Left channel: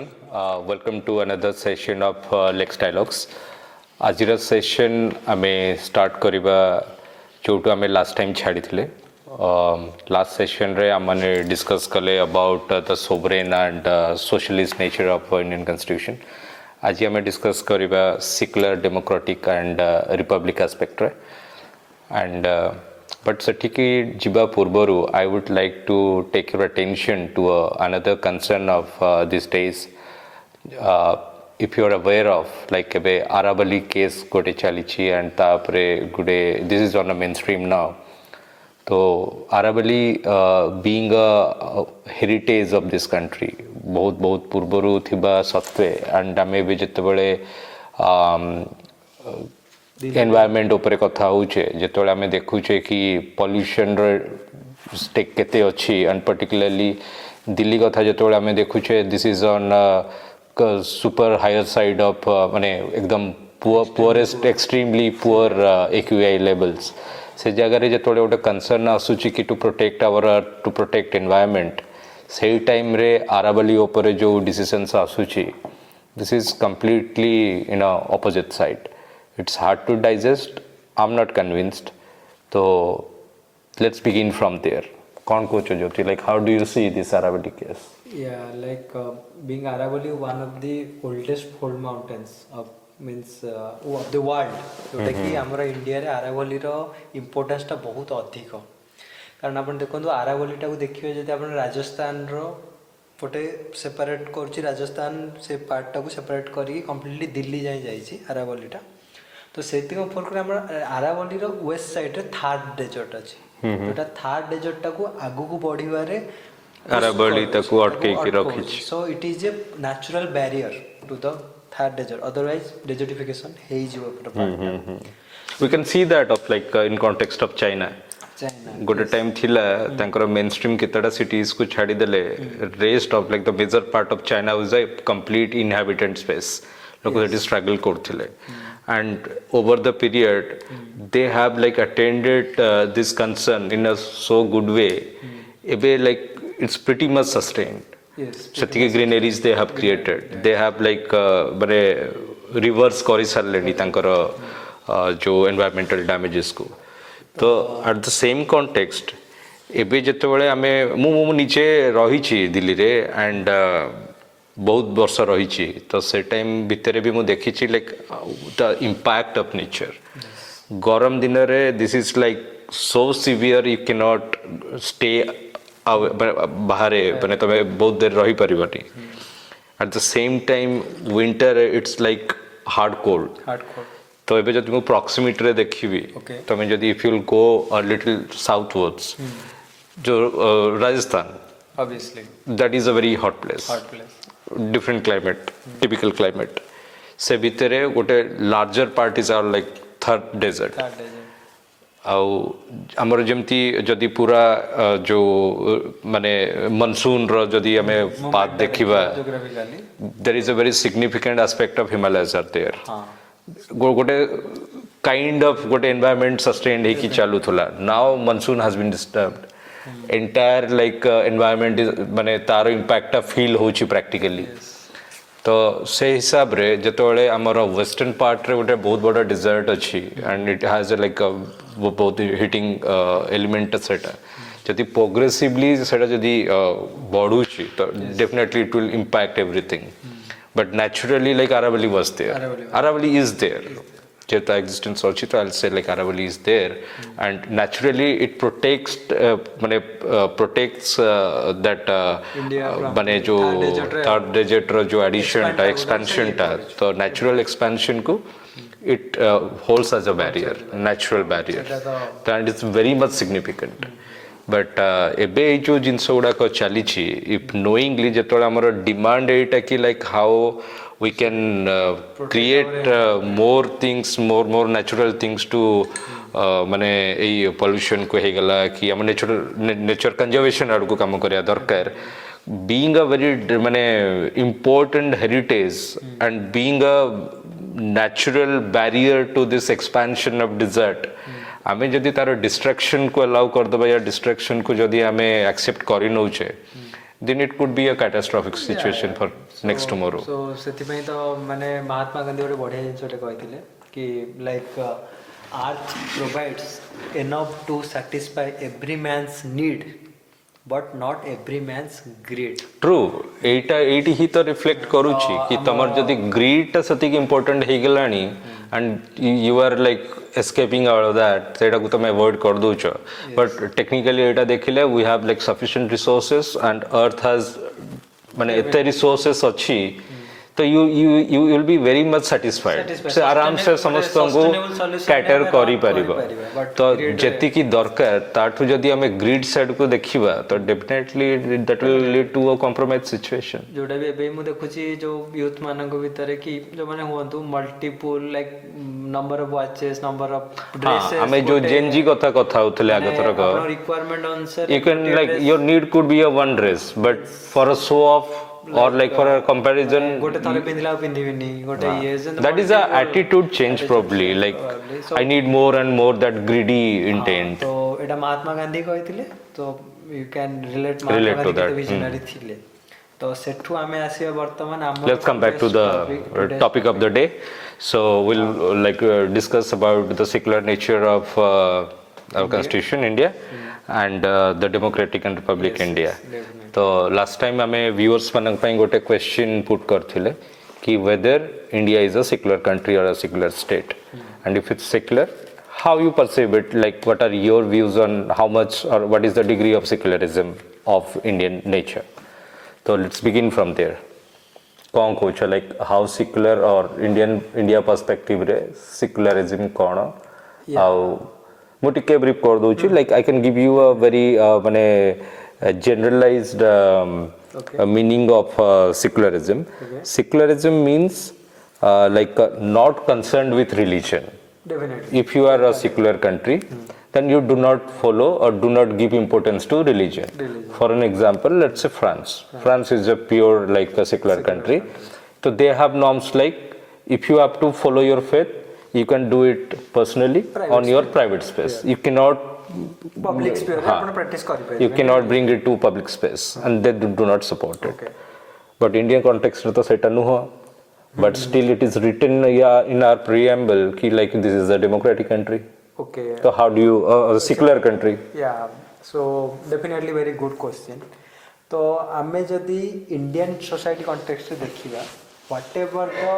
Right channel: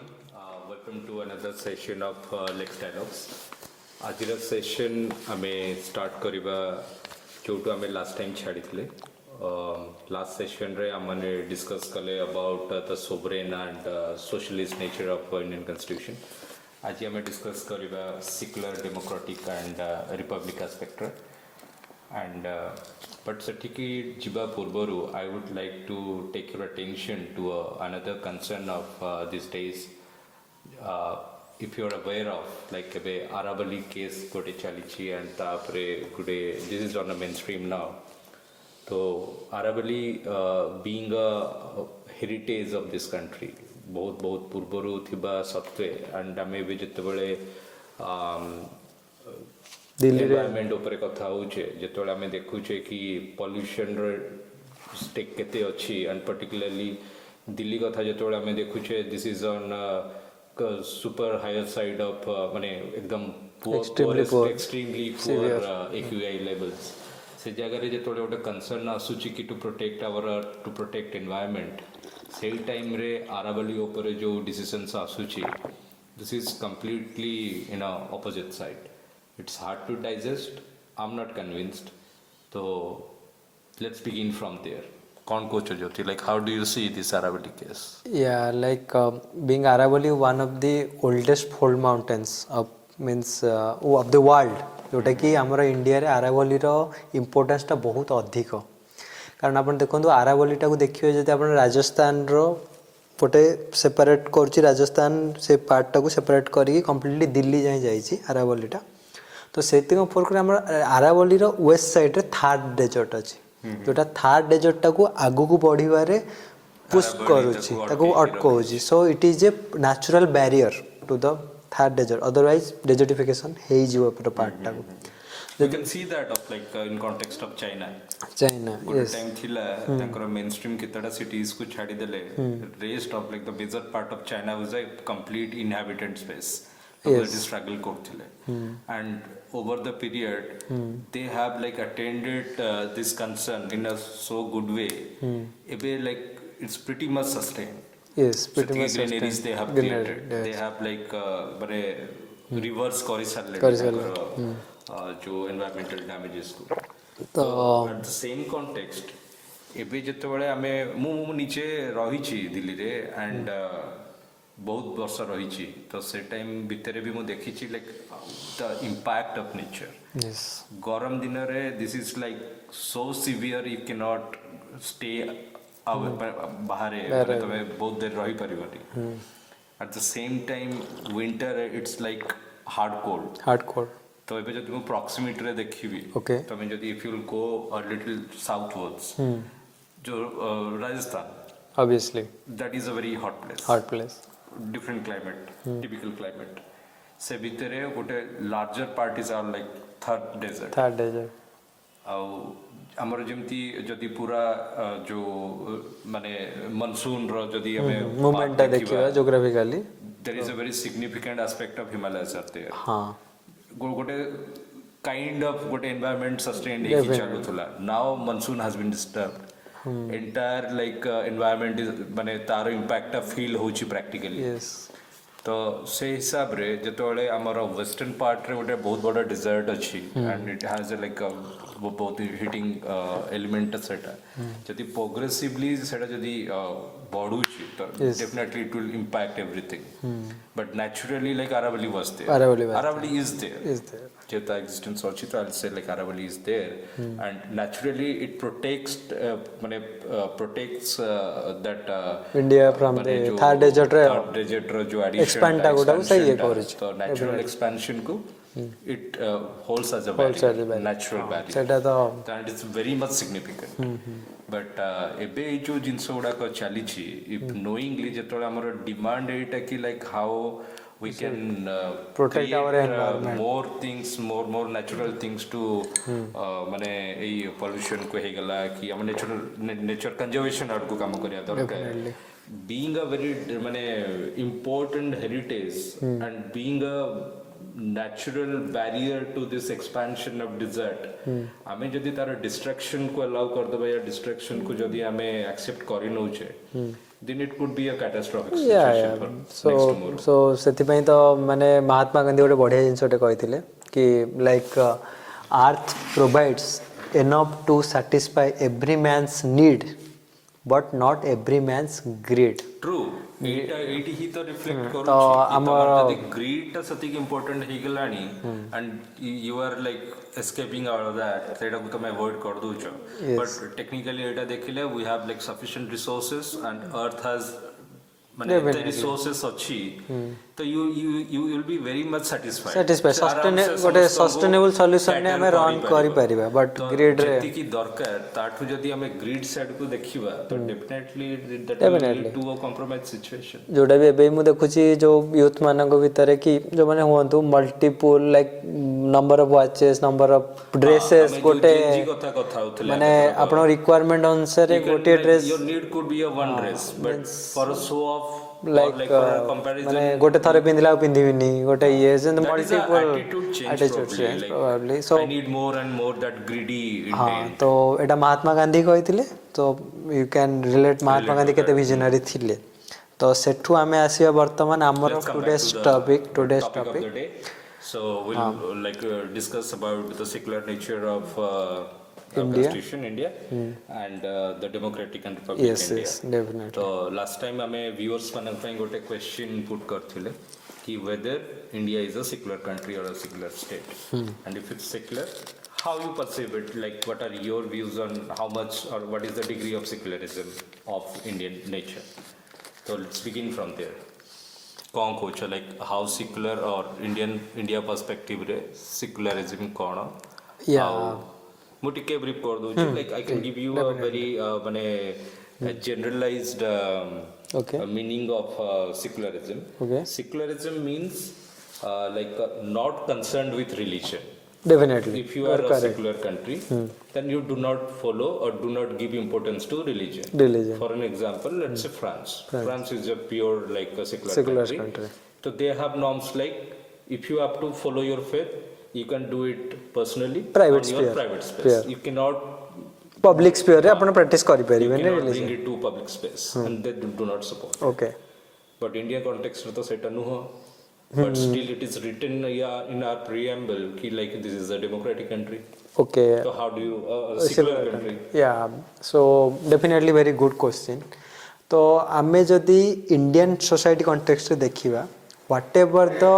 everyone. Welcome to another session of LexDialogues. आजिर session आमे start करिबा जोटू आमे लास्ट टाइम छाड़ी थिले. लास्ट सेशन रे आमने डिस्कस कले about the sovereign and socialist nature of Indian constitution. आज आमे डिस्कस करिबा secular democratic and republic aspect रे. And but sethi jiba purbaru I would like to take your attention to another concern of these days. If you are aware of like ebe Arabali case gote chalichi and tapre gude this is on a mainstream now. So Arabali being a heritage of this country bahut purbaru thiba satwe and ame be jetebale environment ऊपर कथा होचे जेतोले हमें देखुचे कि pollution रो stake केते अछि and particularly Delhi कथा जेतोले हमें देखुचे this is on super higher side of माने एकदम poorest extremely poor AQI levels से जगह रे जेतोले ओटे कंसर्न आसुची कि to protect our earth to protect environment सेही टाइम रे आरावली ऊपर जो डिसीजंस आसुची this is completely in a opposite side. It's hard to digest. I'm not convinced. So let's begin from there. Kaun kocho Jyoti, like how do you see this Aravalli case? Yeah, like being Aravalli one of the oldest fold mountains of of the world. जोटा कि हमारा India रे आरावली रो importance टा बहुत अधिक. कारण आपण देखंतु आरावली टा को देखियो जते आपण राजस्थान रो पोटे सेपरेट करछि राजस्थान से पार्ट टा को सेपरेट करी कंप्लीटली दिल्ली जाय जाईछि आरावली टा. तो सेति को फरक हम आरावली रो वेस्ट साइड रे थर्ड डेजर्ट अछि जोटा थर्ड डेजर्ट टा को आगु को बढ़िवा रे आरावली ता को अटके रखि. So it is a natural barrier to the third desert otherwise desertification हे जिवो पार्ट टा. We can see that of like in context of China गोटे टाइम थिला तांकर मेनस्ट्रीम केतडा सिटीज को छाडी देले rest of like the major part of China was a complete inhabited space. लोग that struggle करथिले and over the period they have like attended this concern in a so good way. Ebe like it's pretty much sustained. Yes, sethi greeneries they have created. They have like bare reverse kori sarleni tankar jo environmental damages ko. तो at the same context ebe jetebale ame mu niche rahichi Delhi रे and बहुत वर्ष रही तो से time भितर भी मुझे देखी like the impact of nature. गरम दिन रे this is like so severe you can not stay बाहर माने तमे बहुत देर रही परिबानी. At the same time winter it's like hard cold. तो एबे जब तुम प्रॉक्सिमिटी रे देखिबी तमे जदी if you will go a little southwards जो Rajasthan obviously that is a very hot place different climate typical climate se bhitere gote larger parties are like third desert au amar jemti jodi pura jo mane monsoon ro jodi ame path dekhiba geographically there is a very significant aspect of Himalayas are there. gote kind of gote environment sustained he ki chalu thula. Now monsoon has been disturbed. Entire like environment is माने तारो impact टा feel होची practically. तो से हिसाब रे जतोले हमर western part रे गोटे बहुत बड़ा डेजर्ट अछि and it has a like a बहुत हिटिंग एलिमेंट सेटा जदि प्रोग्रेसिवली सेटा जदि बढ़ुची तो definitely it will impact everything. But naturally like Aravalli was there. Aravalli is there. Jeta existence also to I'll say like Aravalli is there and naturally it protects that India from jo third desert jo addition ta expansion ta so natural expansion ko it holds as a barrier, natural barrier and it's very much significant. but ebe jo jinso guda ko chalichi if knowingly jetole amara demand eita ki like how we can create more things more natural things to माने ए pollution को हे गला कि हम nature conservation आड़ को काम करिया दरकार. being a very माने important heritage and being a natural barrier to this expansion of desert आमे जदि तार distraction को allow कर दबा या distraction को जदि आमे accept करि नउचे then it could be a catastrophic situation for next tomorrow. So ସେଥିପାଇଁ ତ ମାନେ ମହାତ୍ମା ଗାନ୍ଧୀ ଗୋଟେ ବଢିଆ ଜିନିଷଟେ କହିଥିଲେ କି like earth provides enough to satisfy every man's need but not every man's greed. True, एटी ही तो रिफ्लेक्ट करूची कि तमर जदी ग्रीड ता सती इंपोर्टेंट हे गलानी and you are like escaping out of that सेटा को तमे अवॉइड कर दोछ. But technically एटा देखिले we have like sufficient resources and earth has माने एते रिसोर्सेस अच्छी तो you will be very much satisfied. से आराम से समस्त को कैटर करी परिबा तो जेति की दरकार ताठु जदी हमें ग्रिड साइड को देखिबा तो definitely that will lead to a compromise situation. जोडा भी एबे मु देखुची जो यूथ मानक भीतर की जो माने हुअंतु multiple like number of watches number of dresses हमें जो जेनजी कथा होतले आगे तरक अपना रिक्वायरमेंट अनुसार you can like your need could be a one dress but for a show off or like for a comparison गोटे थारे पिंदिला पिंदिबिनी गोटे ये that is a attitude change probably like so, I need more and more that greedy intent. तो एटा महात्मा गांधी कहिथिले तो you can relate Mahatma Gandhi केते visionary थिले तो सेठु आमे आसीबा वर्तमान हमर let's come back to the topic of the day. So we'll like discuss about the secular nature of our constitution India and the democratic and republic India. तो last time हमें viewers मनक ପାଇଁ गोटे question put करथिले कि whether India is a secular country or a secular state and if it's secular how you perceive it, like what are your views on how much or what is the degree of secularism of Indian nature. So let's begin from there. कौन coach like how secular or India perspective रे secularism कौन how ମୁଁ ଟିକେ brief कर दोची like I can give you a very माने generalized meaning of secularism. Secularism means like not concerned with religion. Definitely. If you are a secular country then you do not follow or do not give importance to religion. For an example, let's say France is a pure like a secular country. So they have norms like if you have to follow your faith you can do it personally on your private space. You cannot public sphere apna practice kari pari. You cannot bring it to public space and they do not support it. Okay. But Indian context रे तो सेटा नुह. But still it is written in our preamble ki like this is a democratic country. Okay. So how do you a secular country? Yeah. So definitely very good question. तो आमे जदि Indian society context रे देखिबा whatever the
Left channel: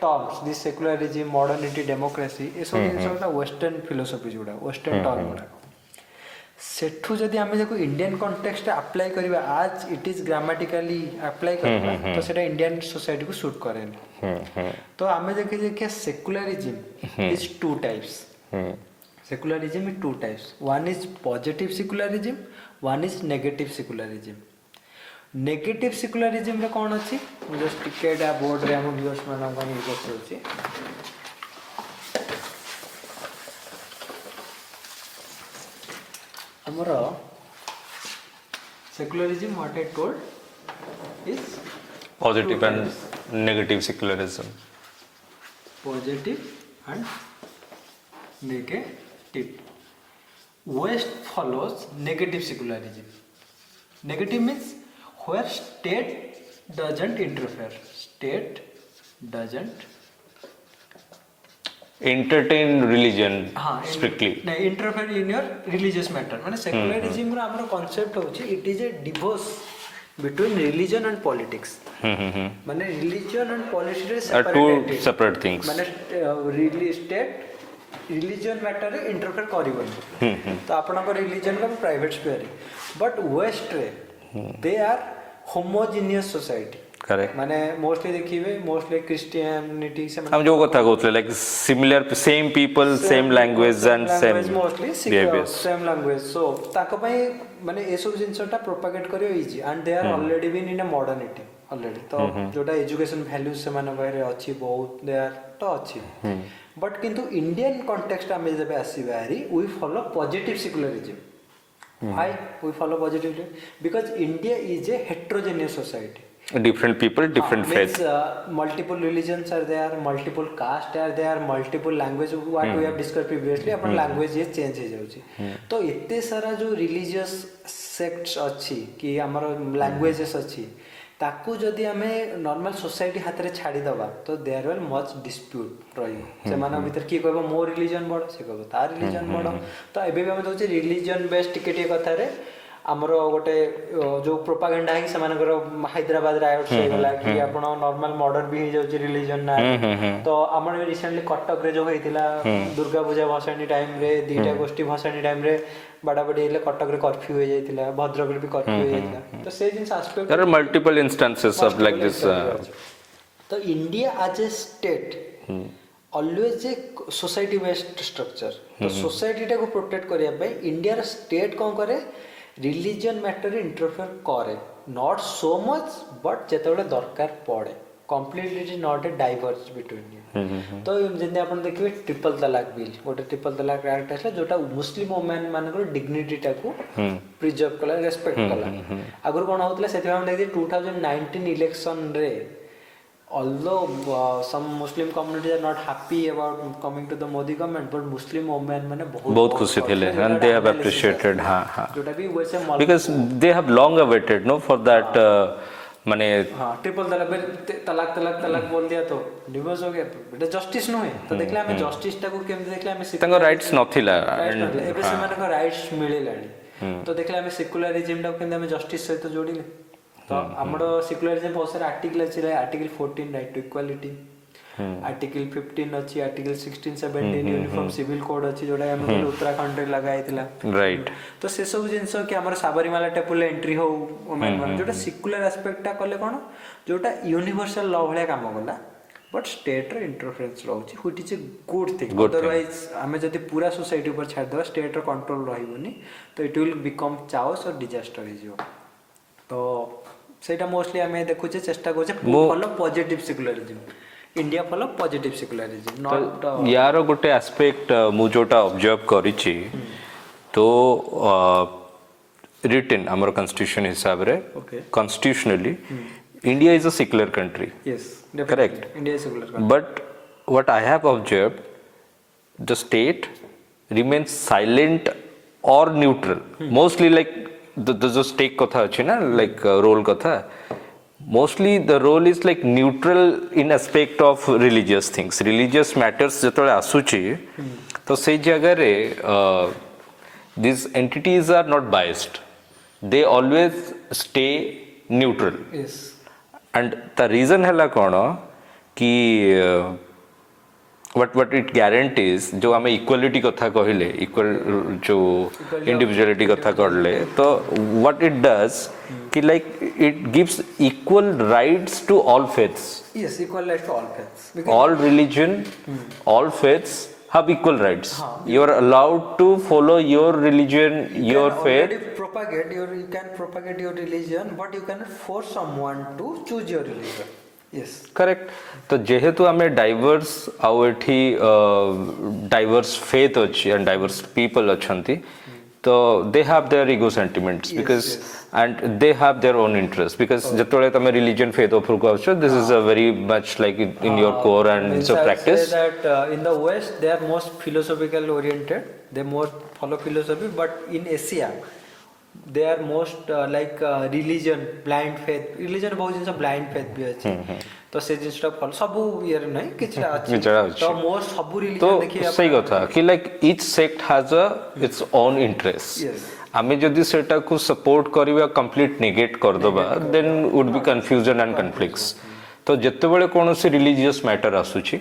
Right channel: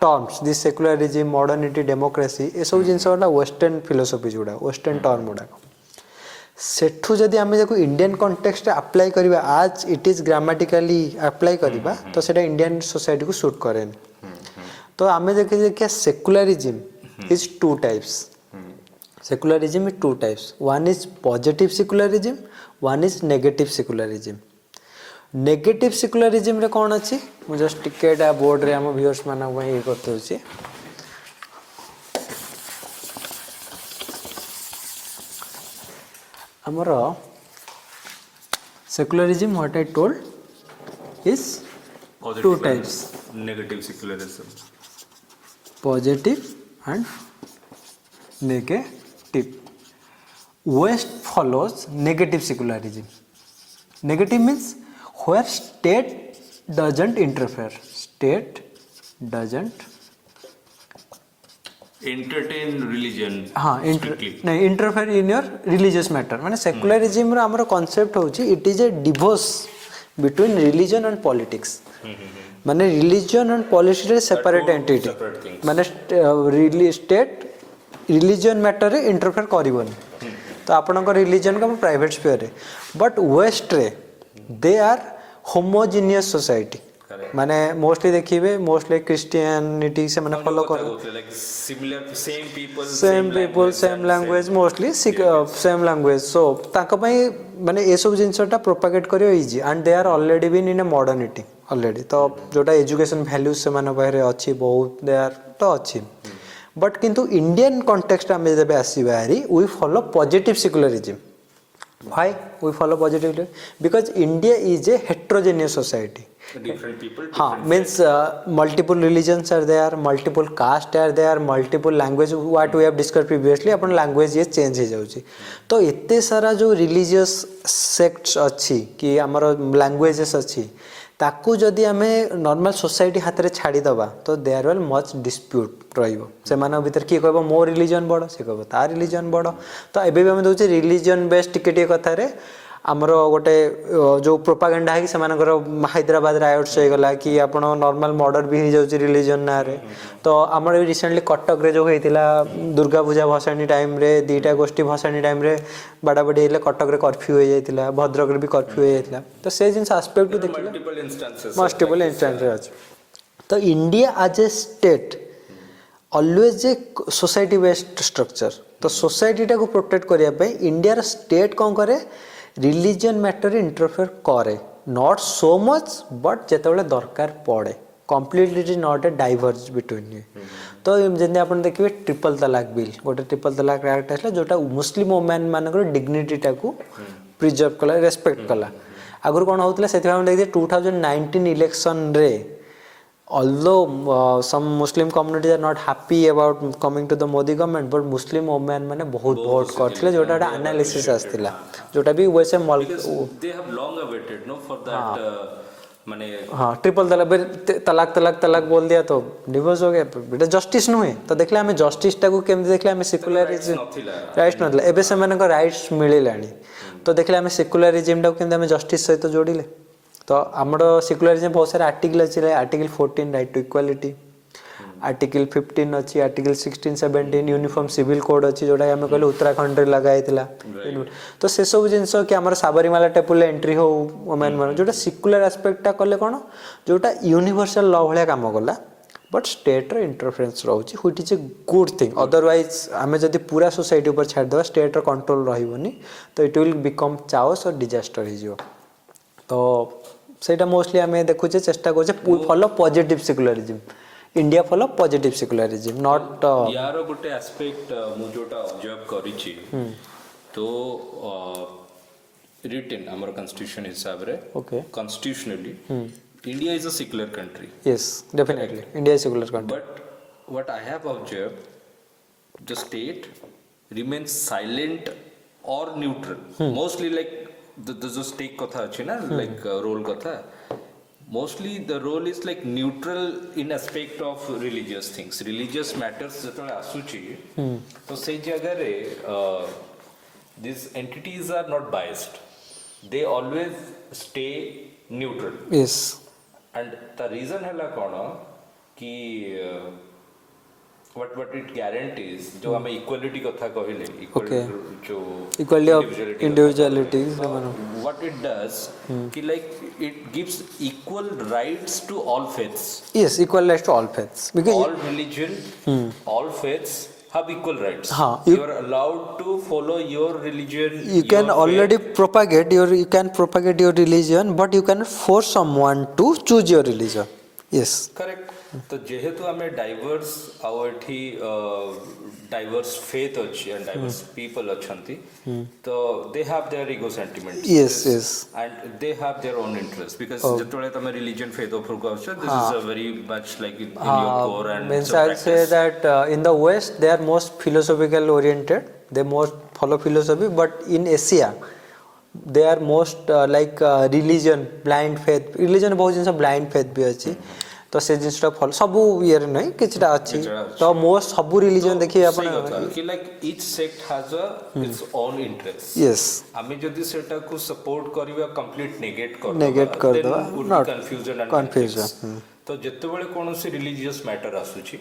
terms this secularism modernity democracy ए सब जिंस वाला western philosophy जोड़ा western term गुड़ा सेठु जदि आमे देखो इंडियन कॉन्टेक्स्ट अप्लाई करबा आज इट इज ग्रामेटिकली अप्लाई करबा तो सेटा इंडियन सोसाइटी को सूट करेन. तो आमे देखि कि secularism is two types. Secularism is two types. One is positive secularism one is negative secularism. Negative secularism रे कोन अछि मु जस्ट टिकेट आ बोर्ड रे हम व्यूअर्स मानक भाई ये करते होछि. Amara secularism what I told is positive and negative secularism. Positive and negative. West follows negative secularism. Negative means where state doesn't interfere. State doesn't entertain religion strictly. नहीं interfere in your religious matter. माने secularism रो हमरो concept होची it is a divorce between religion and politics. माने religion and politics are separate entities. Separate things. माने state religion matter रे interfere करिवनी. तो आपनकर religion का private sphere रे. But west रे they are homogeneous society. Correct. माने मोस्टली देखिबे मोस्टली क्रिश्चियनिटी से माने हम जो कथा कहउतले like similar same people same language and same mostly same language so ताका पई माने ए सब जिंसटा प्रोपेगेट करियो easy and they are already been in a modernity already. तो जोटा एजुकेशन वैल्यूज से माने बाहर अछि बहुत दे आर तो अछि. बट किंतु इंडियन कॉन्टेक्स्ट में जब आसीबा हरी we follow positive secularism. Why we follow positively? Because India is a heterogeneous society. different people, different means faith. multiple religions are there, multiple caste are there, multiple language what we have discussed previously upon language ये change हो जाଉଛି तो एते सारा जो religious sects अच्छी कि हमर languages अच्छी ताकू जदि आमे नॉर्मल सोसाइटी हाथ रे छाड़ी दबा तो देयर विल मच डिस्प्यूट रहिबो से मानव भीतर की कहबो मो रिलीजन बडो से कहबो ता रिलीजन बडो तो एबे भी हम दोचे रिलीजन बेस्ड टिके कथा रे हमरो गोटे जो प्रोपागेंडा है कि सेमानकर हैदराबाद राइट्स हो गला कि आपण नॉर्मल मर्डर भी हो जाउची रिलीजन ना तो हमर रिसेंटली कटक रे जो होइतिला दुर्गा पूजा भसानी टाइम रे दीटा गोष्ठी भसानी टाइम रे बड़ा बड़ी हेले कटक रे कर्फ्यू हो जाइतिला भद्रक रे भी कर्फ्यू हो जाइतिला तो से जिंस aspect there are multiple instances of like this तो India as a state always a society based structure तो सोसाइटी टा को प्रोटेक्ट करिया पे इंडिया रा स्टेट कोन करे रिलीजन मैटर इंटरफेयर करे नॉट सो मच बट जेतेबेले दरकार पड़े completely it is not a diverge between you तो जेने आपण देखिबे ट्रिपल तलाक बिल गोटे ट्रिपल तलाक एक्ट आसला जोटा मुस्लिम वुमेन मानकर डिग्निटी टाकू प्रिजर्व कला रेस्पेक्ट कला आगुर कोन होतला सेति हम देखि 2019 इलेक्शन रे although some Muslim communities are not happy about coming to the Modi government but Muslim women माने बहुत खुशी थे and they have appreciated जोटा भी वैसे because they have long awaited no for that माने हां ट्रिपल तलाक बोल दिया तो डिवोर्स हो गया बेटा जस्टिस नुहे तो देखला हमें जस्टिस टा को केम देखला हमें सेकुलर राइट्स नथिला एबे से माने को राइट्स मिलिलानी तो देखला हमें सेकुलरिज्म टा को केम हमें जस्टिस सहित जोड़िले तो हमरो सेकुलरिज्म बहुत सारे आर्टिकल अछि article 14 right to equality article 15 अछि आर्टिकल 16 17 यूनिफॉर्म सिविल कोड अछि जोडा हम कहले उत्तराखंड रे लगाइतिला राइट तो से सब जिंस कि हमर साबरीमाला टेम्पल एंट्री हो मान जोडा सेकुलर एस्पेक्ट टा करले कोन जोडा यूनिवर्सल लॉ भले काम करला बट स्टेट रो इंटरफेरेंस रहउछि which is a good thing otherwise हमें जदी पूरा सोसाइटी ऊपर छाड़ दवा स्टेट रो कंट्रोल रहिबोनी तो इट विल बिकम चाओस और डिजास्टर हिजो तो सेटा मोस्टली हमें देखुचे चेष्टा करछे follow positive secularism India follow positive secularism not यार गोटे एस्पेक्ट मु जोटा ऑब्जर्व करिछि तो रिटन हमर कॉन्स्टिट्यूशन हिसाब रे constitutionally India is a secular country yes correct India is secular country but what I have observed the state remains silent और neutral mostly like the जो स्टेक कथा अछि ना लाइक रोल कथा mostly the role is like neutral in aspect of religious things religious matters जतले आसुची तो से जगह रे this entities are not biased they always stay neutral yes and the reason हैला कोन कि what it guarantees जो हमें इक्वालिटी कथा कहले इक्वल जो इंडिविजुअलिटी कथा कहले तो what it does कि like it gives equal rights to all faiths yes equal rights to all faiths because all religion all faiths have equal rights you are allowed to follow your religion you can already propagate your religion but you cannot force someone to choose your religion yes correct तो जेहेतु हमें diverse आउ एठी diverse faith अछि and diverse people अछंती तो they have their ego sentiments because and they have their own interest because जतोले तमे रिलीजन फेथ ऑफ रुको आछो this is a very much like in your core and it's a practice that in the west they are most philosophical oriented they most follow philosophy but in Asia they are most like religion blind faith religion बहुत जिंस blind faith भी अछि तो से जिंसटा follow सब year नहीं किछटा अछि तो most सब रिलीजन देखि आप सही कथा कि like each sect has a its own interest yes हमें जदी सेटा को सपोर्ट करबा कंप्लीट नेगेट कर दबा then would be confusion and conflicts तो जेतेबेले कोनोसी रिलीजियस मैटर आसुची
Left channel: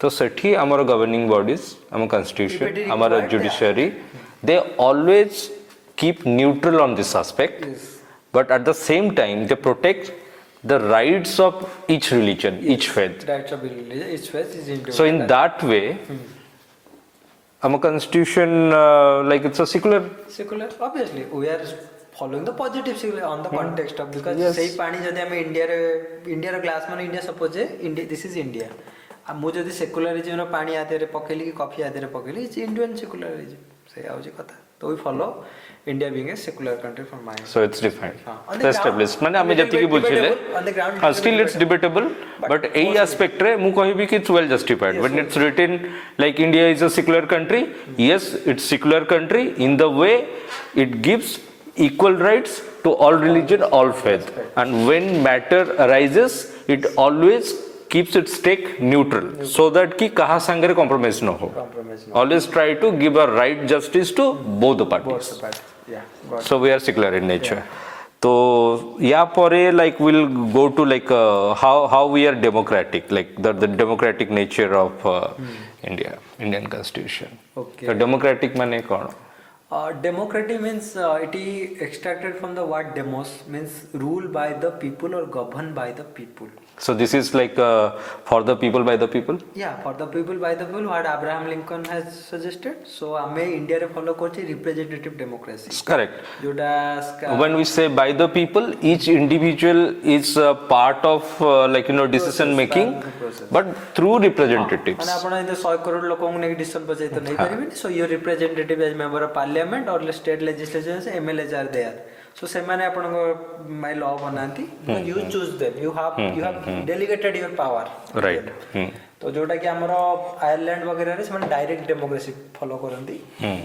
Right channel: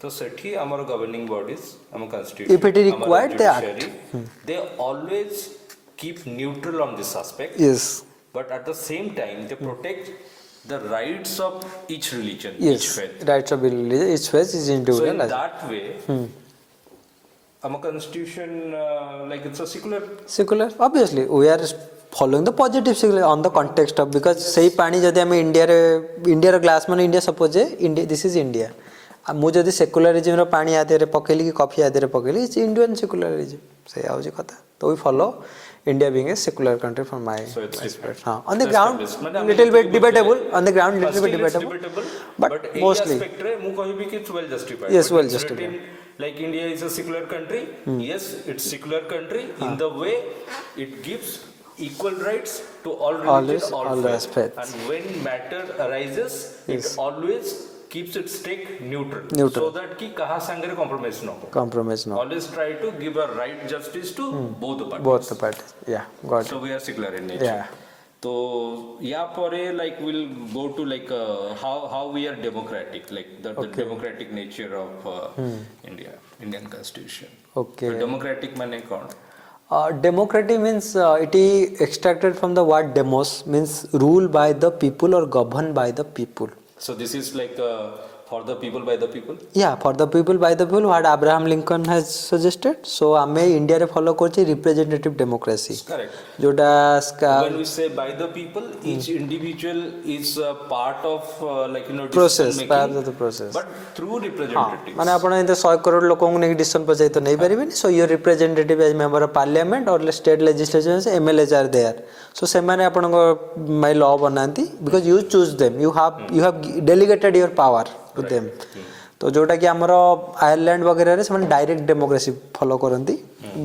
तो सेठी हमर गवर्निंग बॉडीज हम कॉन्स्टिट्यूशन हमर judiciary they always keep neutral on this aspect yes but at the same time they protect the rights of each religion each faith rights of religion each faith is individual so in that way our constitution like it's a secular obviously we are following the positive secular on the context of because sei pani jodi ame india ro glass mane india suppose india this is india ମୁଁ ଯଦି ସେକୁଲାରିଜିମ୍ ର ପାଣି ଆ ଦେହରେ ପକେଇଲି କି coffee ଆ ଦେହରେ ପକେଇଲି it's Indian ସେକୁଲାରିଜିମ୍ ସେଇଆ ହଉଛି କଥା ତ we follow India being a secular country from my so it's defined on the ground माने हम जति debatable on the ground still it's debatable but a aspect रे मु कहि भी कि it's well justified yes, when well it's written like India is a secular country yes it's secular country in the way it gives equal rights to all religion all faith and when matter arises it always keeps its stake neutral so that ki kaha sangare compromise no ho always try to give a right justice to both the parties yeah got it. So we are secular in nature so ya pore like we'll go to like how we are democratic like the democratic nature of Indian constitution okay so democratic mane kon democratic means it is extracted from the word demos means rule by the people or governed by the people. So this is like for the people by the people? Yeah, for the people by the people what Abraham Lincoln has suggested. So ame India re follow korchi representative democracy. Correct. Jota when we say by the people each individual is a part of like you know decision making but through representatives. माने आपण इन 100 करोड़ लोगों ने decision पचाई तो नहीं परिबे so your representative as member of parliament or state legislature MLAs are there. So से माने आपण को my law बनांती because you choose them you have delegated your power right तो जोटा कि हमरो आयरलैंड वगैरह रे से डायरेक्ट डेमोक्रेसी फॉलो करंती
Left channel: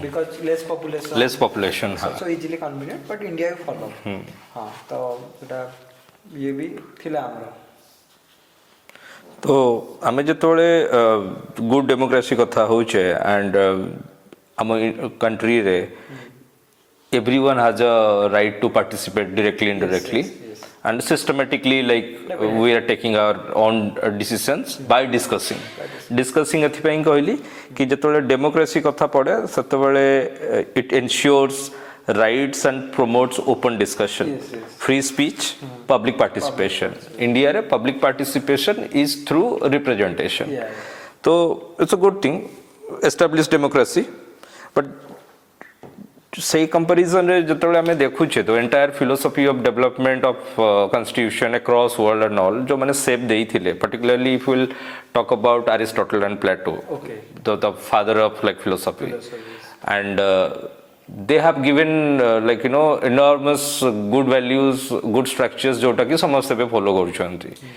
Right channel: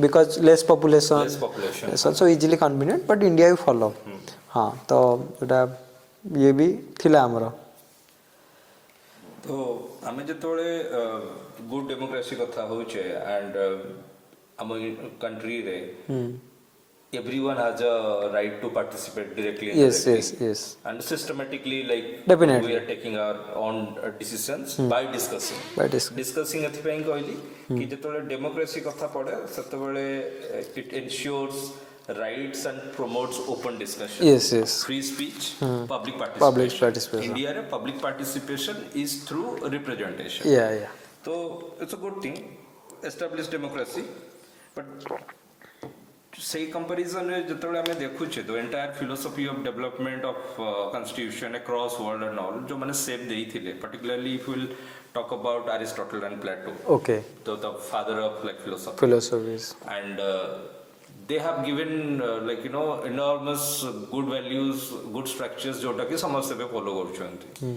because less population so easily convenient but India भी फॉलो हां तो एटा ये भी थिला हमरो तो हमें जतोले गुड डेमोक्रेसी कथा होचे एंड हम कंट्री रे everyone has a right to participate directly indirectly yes. and systematically like we are taking our own decisions by discussing ethi pai कहली कि जतोले डेमोक्रेसी कथा पड़े सतबेले it ensures rights and promotes open discussion free speech public participation India re public participation is through representation so it's a good thing established democracy but say comparison रे जतबेले हमें देखुछे तो entire philosophy of development of constitution across world and all जो माने सेप देई थिले particularly if will talk about Aristotle and Plato okay the father of like philosophies and they have given like you know enormous good values good structures जोटा कि समस्त पे follow करूछंती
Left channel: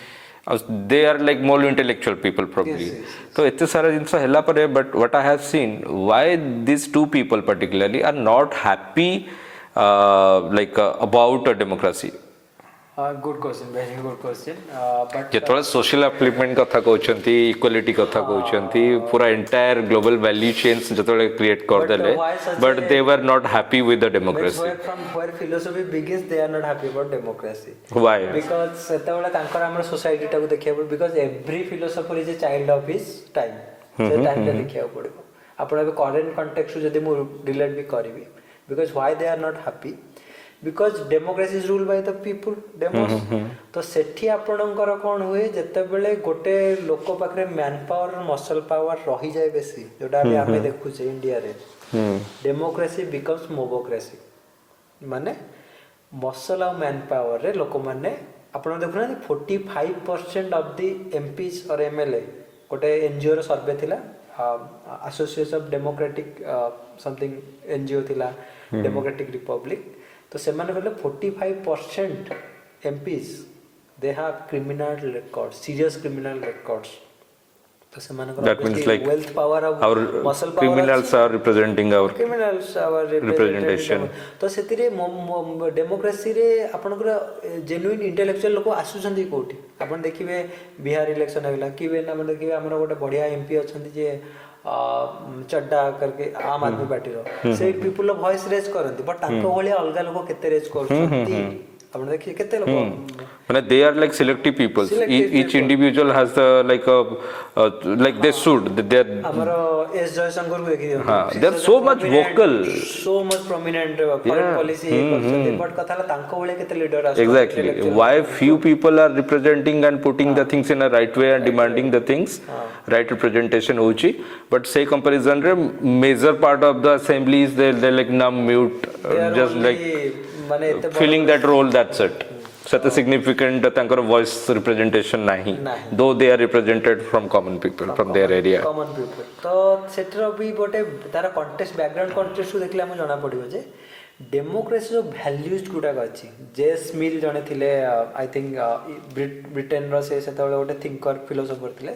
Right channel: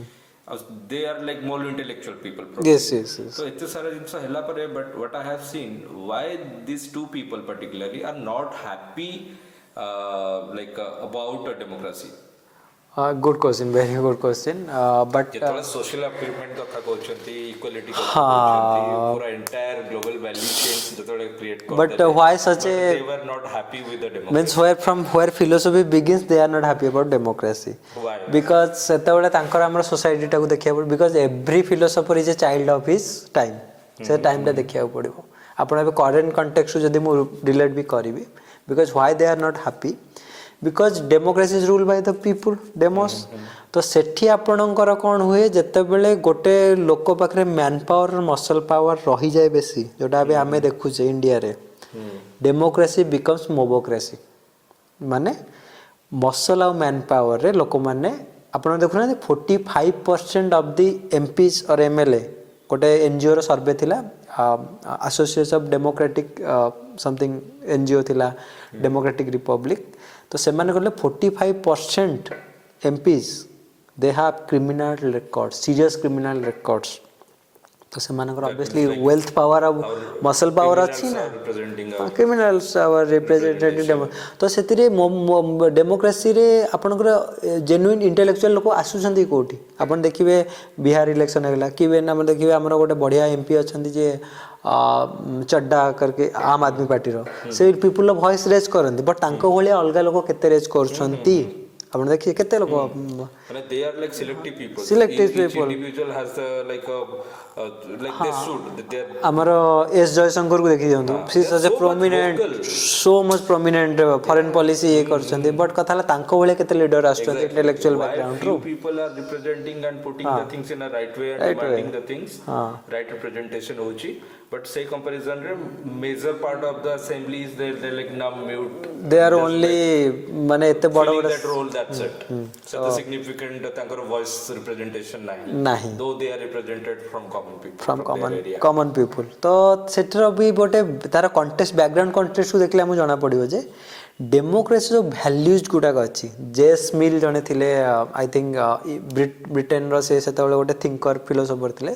they are like more intellectual people probably yes. so एते सारा जिंस हला परे but what I have seen why these two people particularly are not happy like about a democracy good question very good question but जेतोला social upliftment कथा कहउछंती equality कथा कहउछंती पूरा एंटायर ग्लोबल वैल्यू चेन्स जेतोले क्रिएट कर देले but they were not happy with the democracy means where philosophy begins they are not happy about democracy why because सेतबेले तांकर हमर सोसाइटी टाको देखिया पड़ because every philosopher is a child of his time से time टा देखिया पड़िबो आपण अब करंट कॉन्टेक्स्ट जदी मु रिलेट भी करिवि because why they are not happy because democracy is ruled by the people demos तो सेठी आपणकर कोन हुए जते बेले गोटे लोक पाखरे मैन पावर मसल पावर रही जाय बेसी जोटा भी हमें देखु छे इंडिया रे डेमोक्रेसी बिकम्स मोबोक्रेसी माने मसल और मैन पावर रे लोक माने आपण देखु ना 45% ऑफ द एमपीज और एमएलए गोटे एनजीओ रो सर्वे थिला association of democratic something NGO थिला डेमोक्रेटिक रिपब्लिक तो से माने कहले 45% MPs they have criminal records serious criminal records तो से माने obviously like wealth power और muscle power criminals are representing our criminals our representation तो सेतिरे डेमोक्रेसी रे आपनकर जेन्युइन इंटेलेक्चुअल लोक आसुछंती कोठी आपण देखिबे बिहार इलेक्शन हेला किबे ना देखिबे हमर गोटे बढ़िया एमपी अछंती जे चड्डा करके आम आदमी पार्टी रो से पीपल वॉइस रेज करंती बट तांको भलिया अलगा लोक केते रेज करछंती आपण देखिए केते लोक माने they are like selective peoples each individual has the like a like they should they are हमरो एस जयशंकर को देखि दियन so much prominent foreign policy करछंती बट कथाला तांको भलिया केते लीडर आस्तो intellectual why few people are representing and putting the things in a right way and demanding the things right representation होची but say comparison रे major part of the assembly is they like numb mute they are just only माने एते बड़ filling that role, that's it. Such a significant तांकर voice representation नहीं, though they are represented from common people from their area. common people तो shutter भी गोटे तार context background context को देखले हम जाना पड़िबो जे डेमोक्रेसी जो वैल्यूज गुडाक अच्छी जेस मिल जने थिले आई थिंक ब्रिटेन रो से सेतबेले गोटे थिंकर फिलोसोफर थिले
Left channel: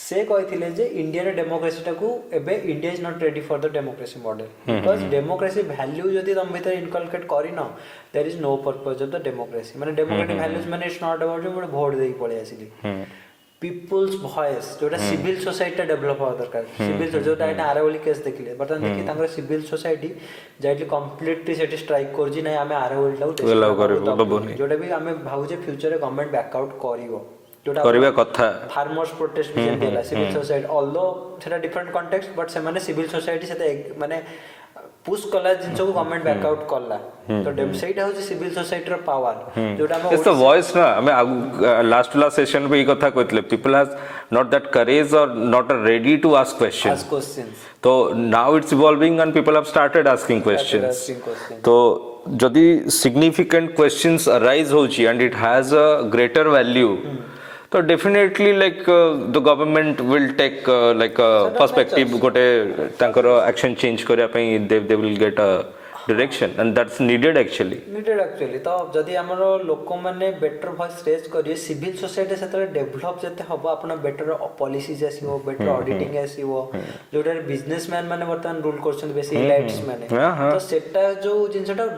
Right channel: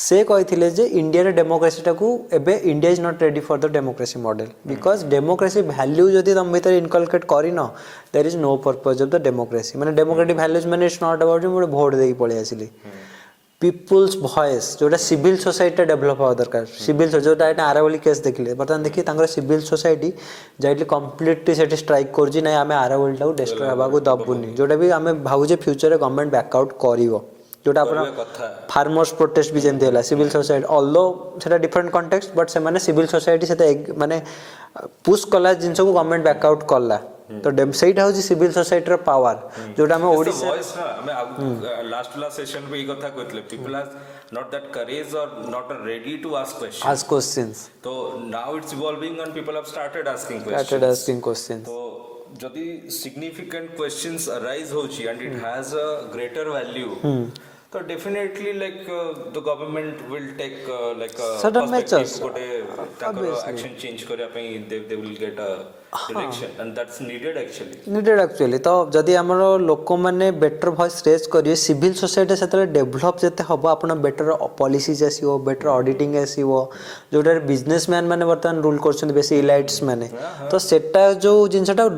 से कहिथिले जे इंडिया रे डेमोक्रेसी टाकू एबे India is not ready for the democracy model because democracy value जदी तुम भीतर इनकलकेट करिनो there is no purpose of the democracy माने डेमोक्रेटिक वैल्यूज माने it's not about more vote देई पळे आसिली पीपल्स वॉइस जोटा सिविल सोसाइटी डेवलप होवा दरकार सिविल जोटा एटा आरावली केस देखले बर्तमान देखि तांगर सिविल सोसाइटी जाइटली कंप्लीटली सेटी स्ट्राइक करजी नै आमे आरावली टाउ डेस्ट्रॉय बाबू दबुनी जोटा भी आमे भाबु जे फ्यूचर रे गवर्नमेंट बैकआउट करिवो जोटा करबे कथा फार्मर्स प्रोटेस्ट भी जेंती होला सिविल सोसाइटी ऑल्दो सेटा डिफरेंट कॉन्टेक्स्ट बट से माने सिविल सोसाइटी सेते माने पुश कला जिंस को गवर्नमेंट बैकआउट कला तो सेटा हो सिविल सोसाइटी रो पावर जोटा हम ओडिसा वॉइस ना हमें लास्ट सेशन पे ई कथा कहतले people has not that courage or not ready to ask questions so now it's evolving and people have started asking questions so jodi significant questions arise hochi and it has a greater value so definitely like the government will take like a perspective gote tankar action change kariya pai they will get a direction and that's needed actually तो जदि हमर लोक माने better voice raise करिए civil society सेतले develop जते हबो आपण better policies आसीबो better auditing आसीबो जोटा बिजनेसमैन माने वर्तमान रूल करछन बेसी इलाइट्स माने तो सेटा जो जिंसटा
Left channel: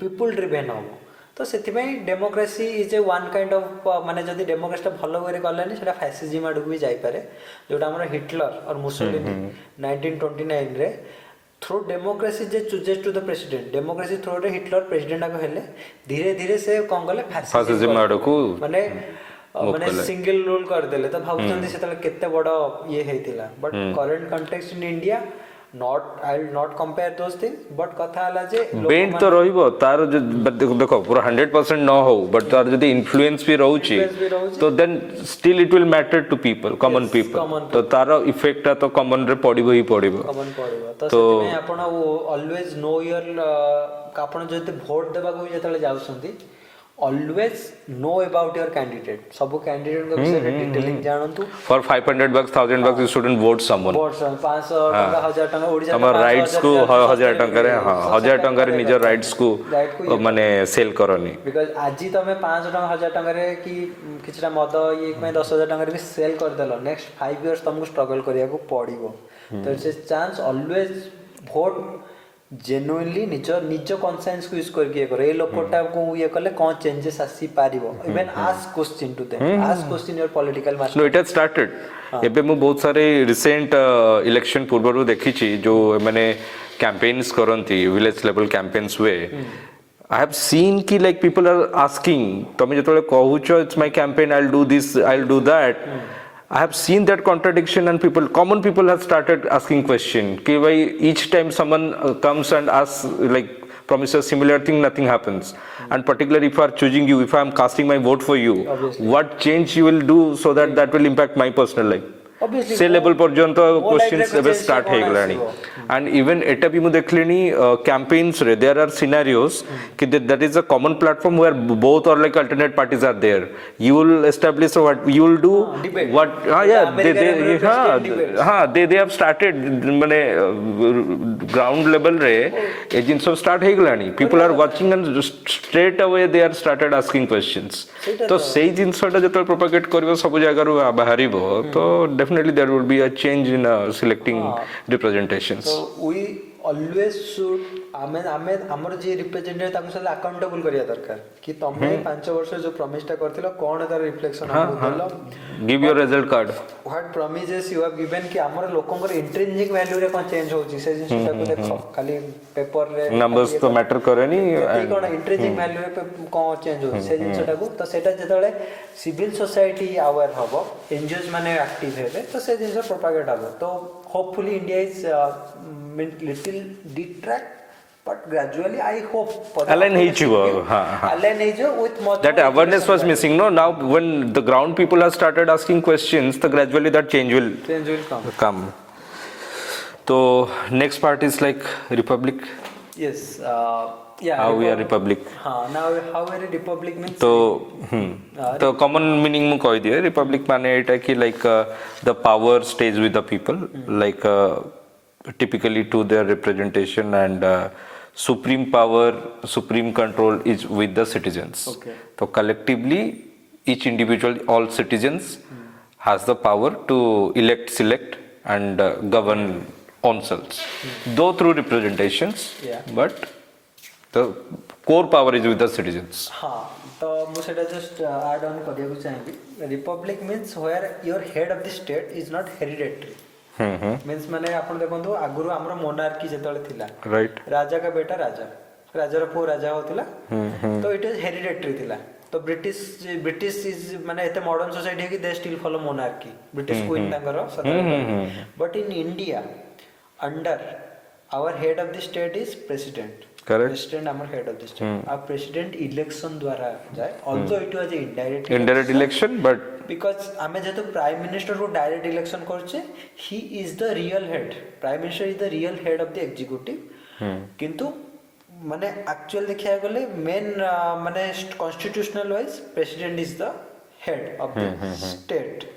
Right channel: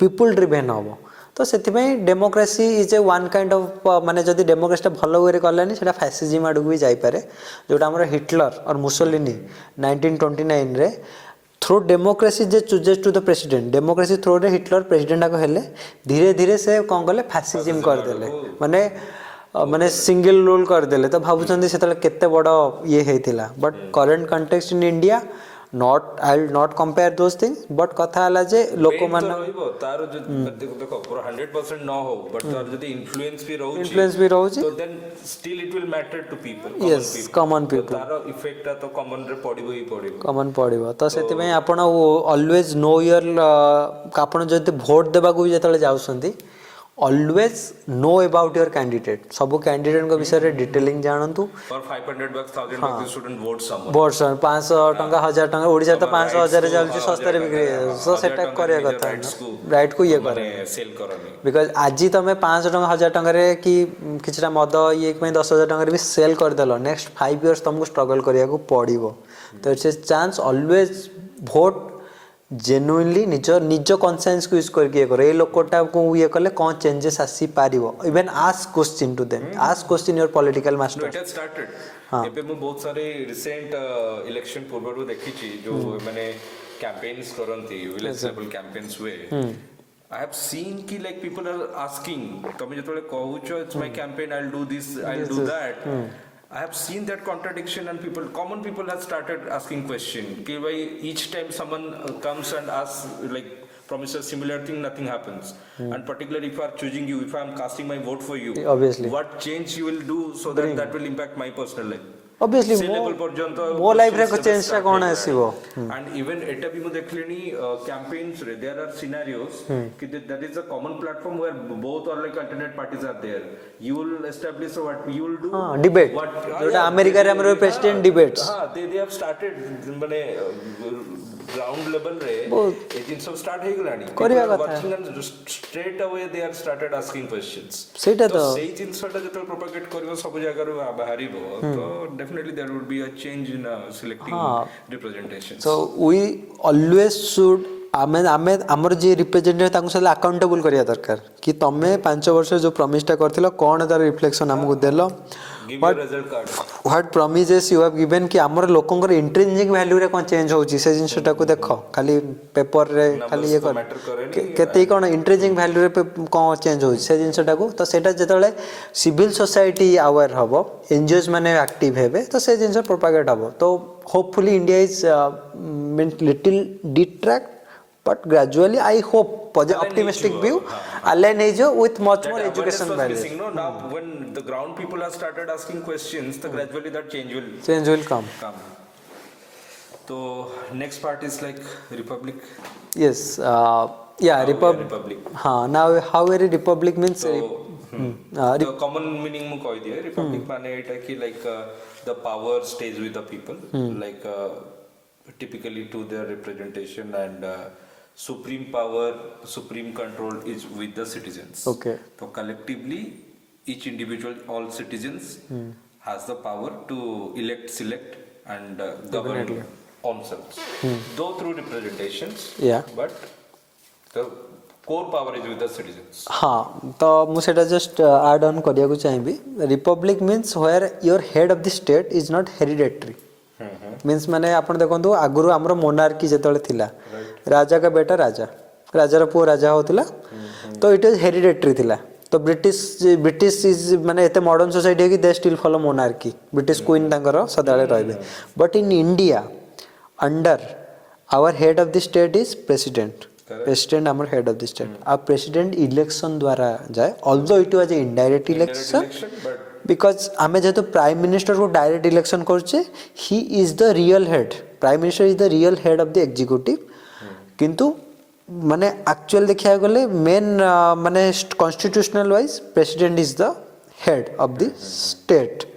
पीपल ड्रिवन हबो तो सेति democracy is a one kind of माने जदि डेमोक्रेसी भलो वे करलानी सेटा फैसिज्म आडू भी जाई पारे जोटा हमर हिटलर और मुसोलिनी 1929 रे थ्रू डेमोक्रेसी जे chooses to the president democracy through रे हिटलर प्रेसिडेंट को हेले धीरे धीरे से कोन गले फैसिज्म माने माने सिंगल रूल कर देले तो भाबुचंदी सेतले केते बड़ ये हेतिला but current context in India not I'll not compare those things but कथा हला जे लोक मान तो रहइबो तार देखो पूरा 100% न हो बट तार जदी इन्फ्लुएंस भी रहउची तो then still it will matter to people common people तो तार इफेक्ट तो कॉमन रे पडिबो ही पडिबो तो सेति में आपण ऑलवेज नो योर आपण जदी वोट देबा को जेतले जाउसंती always know about your candidate सब कैंडिडेट को विषय रे detailing जानंतु for 500 bucks 1000 bucks you shouldn't vote someone vote 500 टका 1000 टका ओडिसा तो 1000 टका रे 1000 टका रे निज राइट्स को माने सेल करनी बिकॉज़ आजि तमे 500 टका 1000 टका रे की किछरा मद ये में 10000 टका रे भी सेल कर देलो नेक्स्ट 5 इयर्स तुमको स्ट्रगल करिया को पड़िबो तो it's a chance always vote genuinely निज कॉन्शियस को यूज करके करे ए लोकटा को ये कले कोन चेंजेस आसी पारिबो even ask question to them ask question your political master no it has started एबे मु बहुत सारे रिसेंट इलेक्शन पूर्वरु देखि छी जो माने कैंपेन्स करंती विलेज लेवल कैंपेन्स वे I have seen ki like people are asking tome jetole kahucho it's my campaign I'll do this I'll do that I have seen that contradiction and common people have started asking question ki why each time someone comes and asks like promises similar thing nothing happens and particularly if I are choosing you if I am casting my vote for you obviously what change you will do so that will impact my personal life obviously से level पर्यंत questions start हो गरानी and even एटा भी मु देखलेनी campaigns रे there are scenarios कि that is a common platform where both और like alternate parties are there you will establish what you will do debate what America रे president debates they have started माने ground level रे ए जिंस start हे गलानी people are watching and straight away they are started asking questions तो सेही जिंसटा जतो प्रोपेगेट करबो सब जगह रो बाहरिबो तो definitely there will be a change in selecting representations so we always should आमे हमर जे रिप्रेजेंटेटिव ताकु से अकाउंटेबल करिया दरकार कि तमे 5 वर्ष जो प्रॉमिस टा करथिलो कोन तार रिफ्लेक्शन हमकु देलो give your result card what promises you have given कि हमर लोकंकर इंट्रिंसिक वैल्यू रे कोन चेंज होची से जिंस ताकु देखो खाली पेपर रे नंबर्स तो मैटर करेनी केते कोन इंट्रिंसिक वैल्यू रे कोन चेंज होई से जिंस ताकु तो सेटा जेतले सिविल सोसाइटी अवेयर हबो एनजीओस माने एक्टिव हेबे तो से जिंस प्रोपेगेट हबो तो hopefully India is little detract but gradually I hope align with much that awareness was missing no now when the ground people have started asking questions the gradually that change will come so next part is like republic yes, yeah, how we are republic. now how a republic means तो common meaning mu कहि दिए republic माने एटा कि like the power stays with the people like typically to their representation and supreme power, supreme control is with the citizens. Okay. So collectively each individual, all citizens has the power to elect, select and govern themselves though through representations. Yeah. But the core power is with the citizens. हाँ, तो मु सेटा just add on करिया को चाहिबी. Republic means where your head of the state is not hereditary. Means माने आपण देखंतु आगुरु हमरो मोनार्की जेतले थिला, Right. राजा का बेटा राजा, राजार पुओ राजा होतिला, तो इट इज हेरिडेटरी थिला. तो ब्रिटिश इज माने एते मॉडर्न सोसाइटी है कि they still follow monarchy, British queen तांकर सदाळे रहले. But in India under our head of the state is president. President our head of the state. आ प्रेसिडेंट इलेक्शन द्वारा जाए, although it was indirect election but because आमे जेतो prime minister को direct election करछे, he is the real head. Prime minister is the real head of the executive. किंतु माने actual देखिया गले मेन माने constitutional wise president is the head of the state.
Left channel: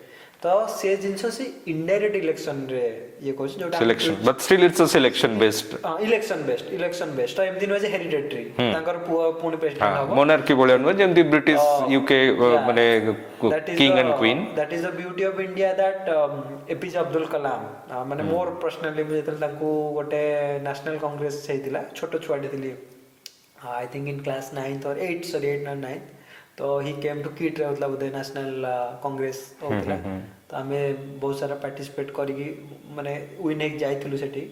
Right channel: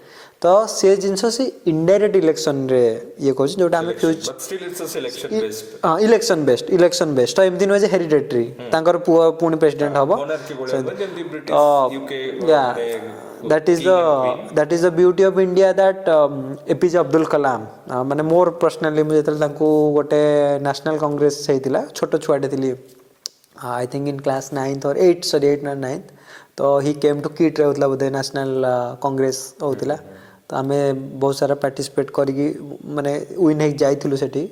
तो से जिंस से इनडायरेक्ट इलेक्शन रे ये कहछ जोटा but still it's a selection based. Election based तो एमदिन वाज हेरिडेटरी. तांकर पुणी प्रेसिडेंट हबो मोनार्की बोले जेमति ब्रिटिश यूके माने king and queen. That is the beauty of India that APJ Abdul Kalam माने मोर पर्सनली मुझे जेतल तांको गोटे नेशनल कांग्रेस हेतिला, छोटो छुआटे थिली, I think in class 9th or 8th, sorry 8th or 9th. तो ही came to kit रहउतला Bodhe national Congress होतिला. तो आमे बहुत सारा पार्टिसिपेट करिकी माने विन हे जाइथिलु सेठी.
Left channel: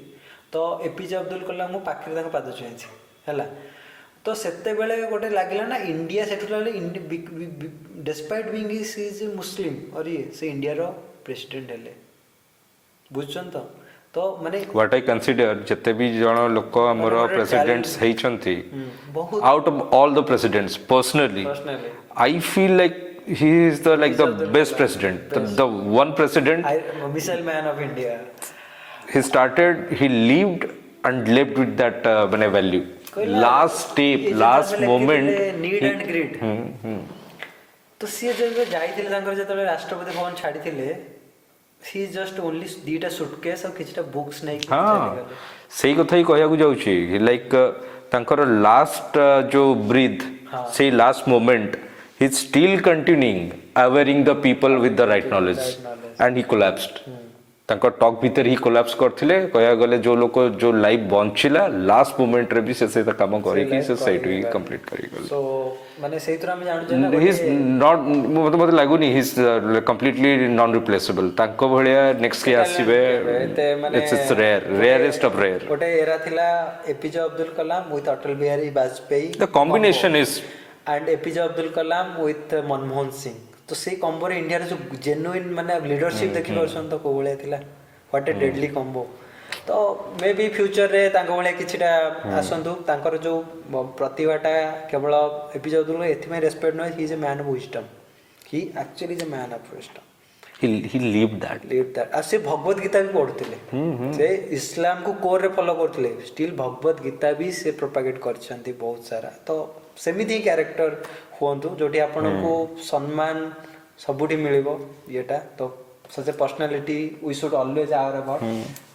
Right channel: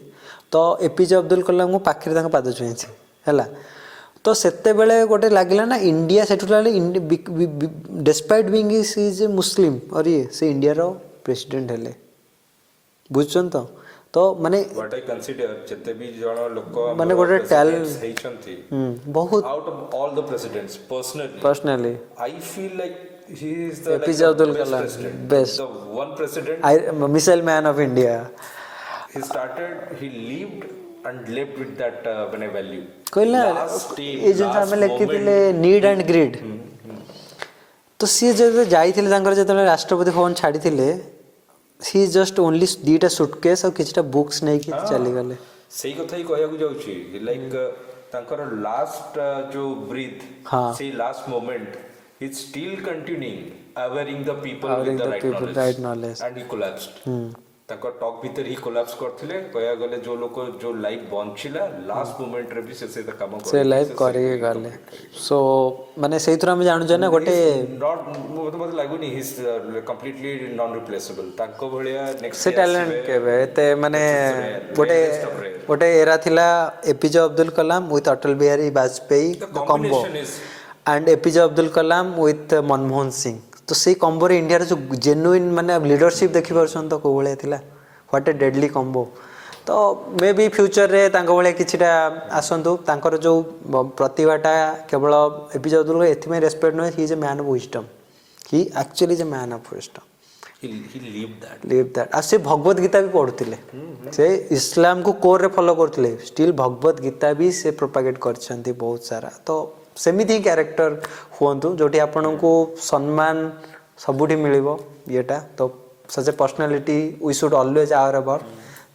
तो एपीजे अब्दुल कलाम को पाखरे तांको पाद छुइछि हैला. तो सेते बेले गोटे लागिला ना इंडिया सेठुलाले despite being is a Muslim और ये से इंडिया रो प्रेसिडेंट हेले बुझछन. तो माने व्हाट आई कंसीडर जते भी जण लोक हमर प्रेसिडेंट्स हेइछंती बहुत out of all the presidents personally I feel like he is the like the best president, the one president, missile man of India. He lived and lived with that value. Last step, last moment, need and greed. तो सी जब जाइथिले तांकर जेतले Rashtrapati Bhavan छाडिथिले, he just only दीटा suitcase और किछटा books नै कि चली गले. सेही कथा ही कहया को जाउची लाइक तांकर लास्ट जो ब्रीथ से last moment he's still continuing awareing the people with the right knowledge and he collapsed. तांकर टॉक भीतर ही कोलैप्स करथिले. कहया गले जो लोक जो लाइफ बंचिला लास्ट मोमेंट रे भी से काम करी सोसाइटी कंप्लीट करी गले. सो माने सेही थरा हम जानु जने गोटे नॉट मते लागुनी he is completely non replaceable. तांको भलिया नेक्स्ट ईयर आसीबे ते माने रेयरेस्ट ऑफ रेयर. गोटे एरा थिला APJ Abdul Kalam with Atal Bihari Vajpayee. The combination is and APJ Abdul Kalam with Manmohan Singh. तो से कॉम्बो रे इंडिया रे जो जेन्युइन माने लीडरशिप देखि परसन तो को भले थिला. What A deadly combo. तो मे बी फ्यूचर रे तांको भले किछटा आसंतु. तांकर जो प्रतिभाटा केवल एपीजे अब्दुल कलाम एथिमे रेस्पेक्ट न, he is a man of wisdom. He actually is a man of wisdom. he lived that. आ से भगवत गीता भी पढुतिले. से इस्लाम को कोर रे फॉलो करथिले. स्टिल भगवत गीता भी से प्रोपागेट करछंती बहुत सारा. तो सेमिति कैरेक्टर हुअंतु जोटी आपन को सम्मान सबुठी मिलिबो येटा. तो such a personality we should always our about.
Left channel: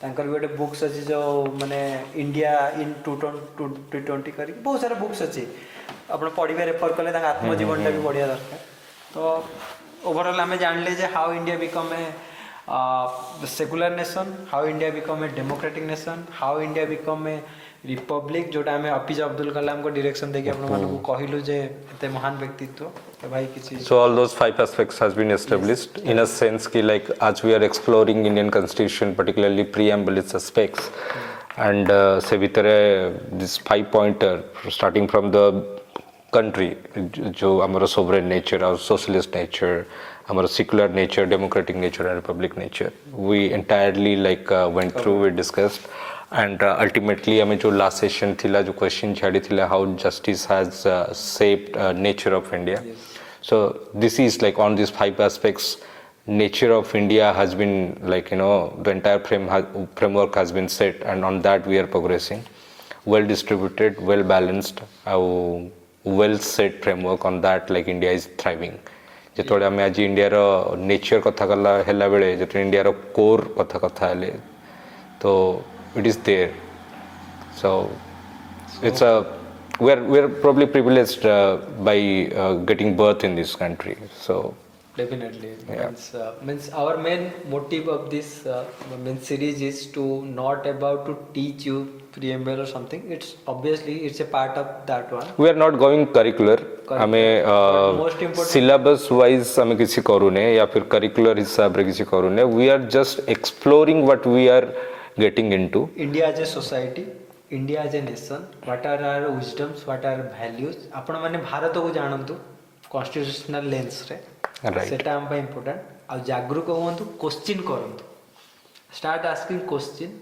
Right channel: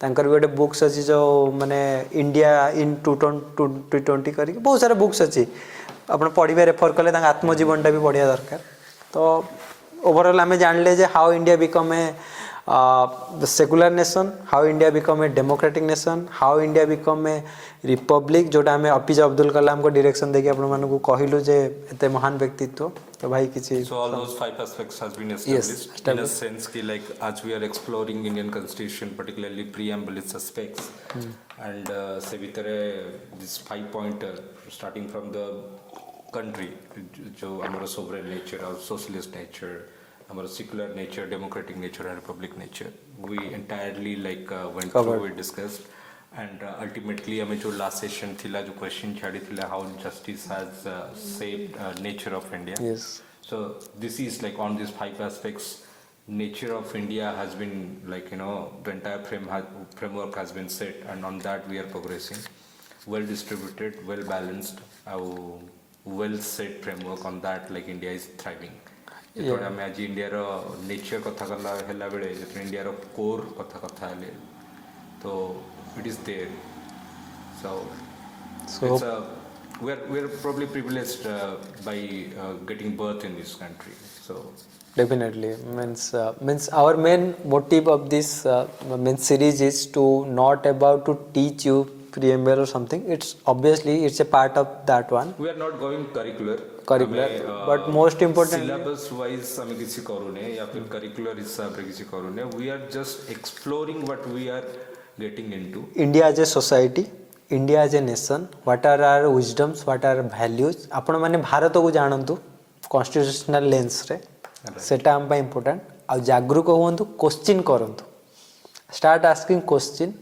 तांकर गोटे बुक्स अछि जो माने इंडिया इन 2020 करी बहुत सारा बुक्स अछि. आपन पढिबे रेफर करले तांग आत्मजीवनटा भी पढिया दरकार. तो ओवरऑल हमें जानले जे how India become a secular nation, how India become a democratic nation, how India become a republic. जोटा हमें एपीजे अब्दुल कलाम को डायरेक्शन देके आपण मानको को कहिलु जे एते महान व्यक्तित्व तो भाई किछि. So all those 5 aspects has been established. Yes, in a sense ki like as we are exploring Indian constitution, particularly preamble its aspects and se vitare this 5 pointer starting from the country जो हमारा sovereign nature और socialist nature, हमारा secular nature, democratic nature and republic nature, we entirely like went through, we discussed and ultimately हमें जो last session थिला जो question छाड़ी थिला how justice has shaped nature of India. Yes. So this is like on these 5 aspects nature of India has been like the entire framework has been set and on that we are progressing. well distributed, well balanced, well set framework on that, like India is thriving. ଯେତେବେଳେ ଆମେ ଆଜି ଇଣ୍ଡିଆର nature କଥା ହେଲା ବେଳେ ଯେତେବେଳେ ଇଣ୍ଡିଆର core କଥା ହେଲେ ତ it is there so it's we're probably privileged by getting birth in this country. So definitely means our main motive of this means series is to not about to teach you preamble or something. It's obviously it's a part of that one. We are not going curricular. But most important syllabus wise हमें किसी करूने या फिर curricular हिसाब रे किसी करूने. We are just exploring what we are getting into. India as a society, India as a nation, what are our wisdoms, what are our values. आपण माने भारत को जानंतु constitutional lens रे. सेटा हम पे important. और जागरूक होवंतु, क्वेश्चन करंतु. Start asking question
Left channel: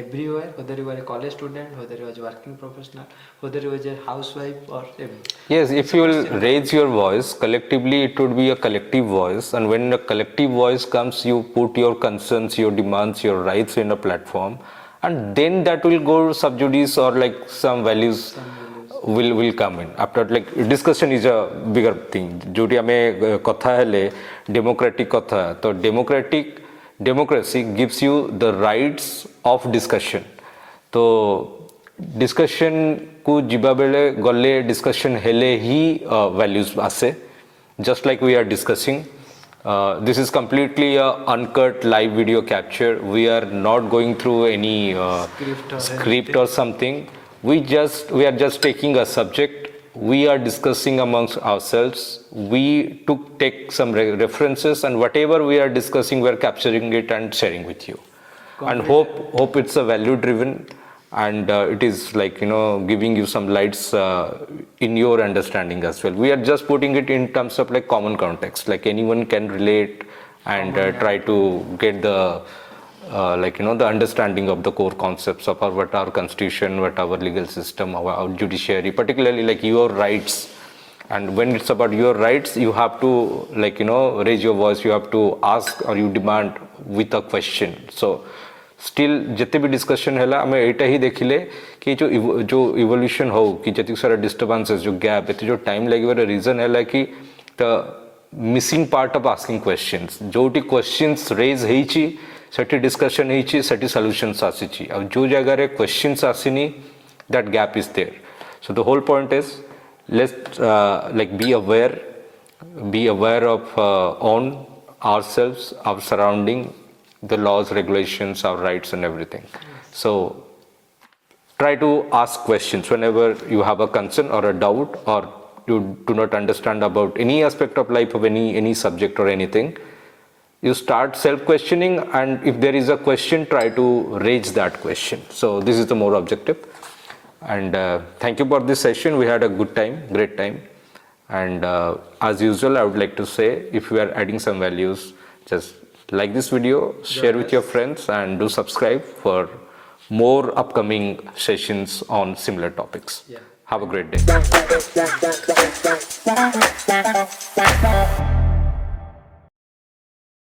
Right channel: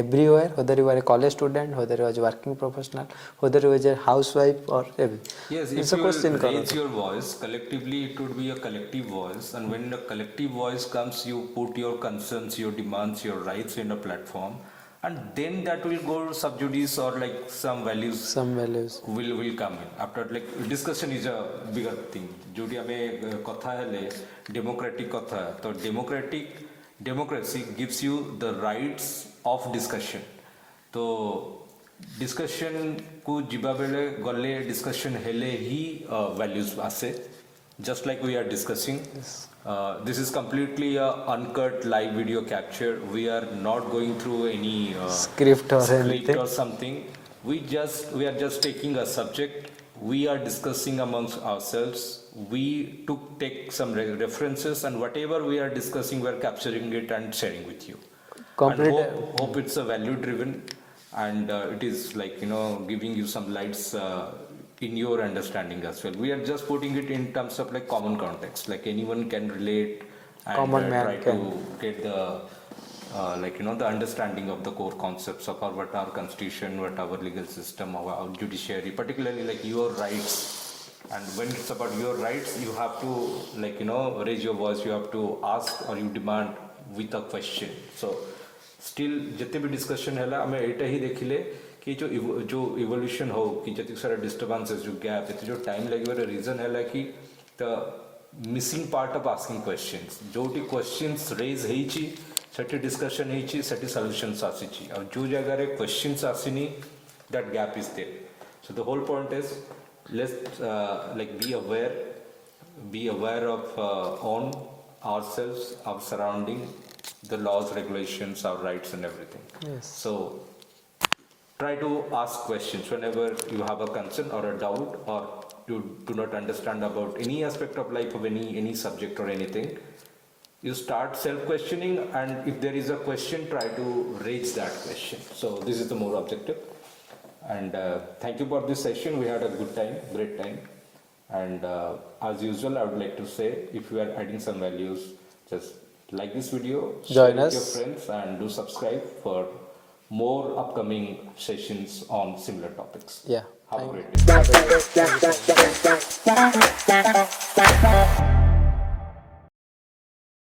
everywhere, whether you are a college student, whether you are a working professional, whether you are a housewife or everything. Yes, if you will raise your voice collectively, it would be a collective voice, and when a collective voice comes, you put your concerns, your demands, your rights in a platform, and then that will go sub judice or like some values will come in. After like discussion is a bigger thing. जोटी हमें कथा हेले democratic कथा, तो democracy gives you the rights of discussion. तो discussion को जिबा बेले गले discussion हेले ही values आसे. Just like we are discussing, this is completely a uncut live video capture. We are not going through any script or something. We are just taking a subject. We are discussing amongst ourselves. We take some references, and whatever we are discussing, we are capturing it and sharing with you. And hope it's a value driven, and it is like giving you some lights in your understanding as well. We are just putting it in terms of like common context, like anyone can relate and try to get the the understanding of the core concepts of what our constitution, what our legal system, our judiciary, particularly like your rights. And when it's about your rights, you have to raise your voice, you have to ask or you demand with a question. So still जितने भी discussion है हमें एटा ही देखिले कि जो evolution हो कि जति सारा डिस्टर्बेंसेस जो गैप एते जो टाइम लगे रीजन है कि the missing part of asking questions जोटी क्वेश्चंस रेज हेची सेटी डिस्कशन हेची सेटी सॉल्यूशंस आसीची अब जो जगह रे क्वेश्चंस आसीनी that gap is there so the whole point is let's be aware of on ourselves, our surrounding, the laws, regulations, our rights and everything. Yes. So try to ask questions whenever you have a concern or a doubt or you do not understand about any aspect of life of any subject or anything. You start self-questioning, and if there is a question, try to raise that question. So this is the more objective. And thank you for this session. We had a good time, great time. And as usual, I would like to say, if you are adding some values, just like this video, share with your friends, and do subscribe for more upcoming sessions on similar topics. Yeah. Have a great day.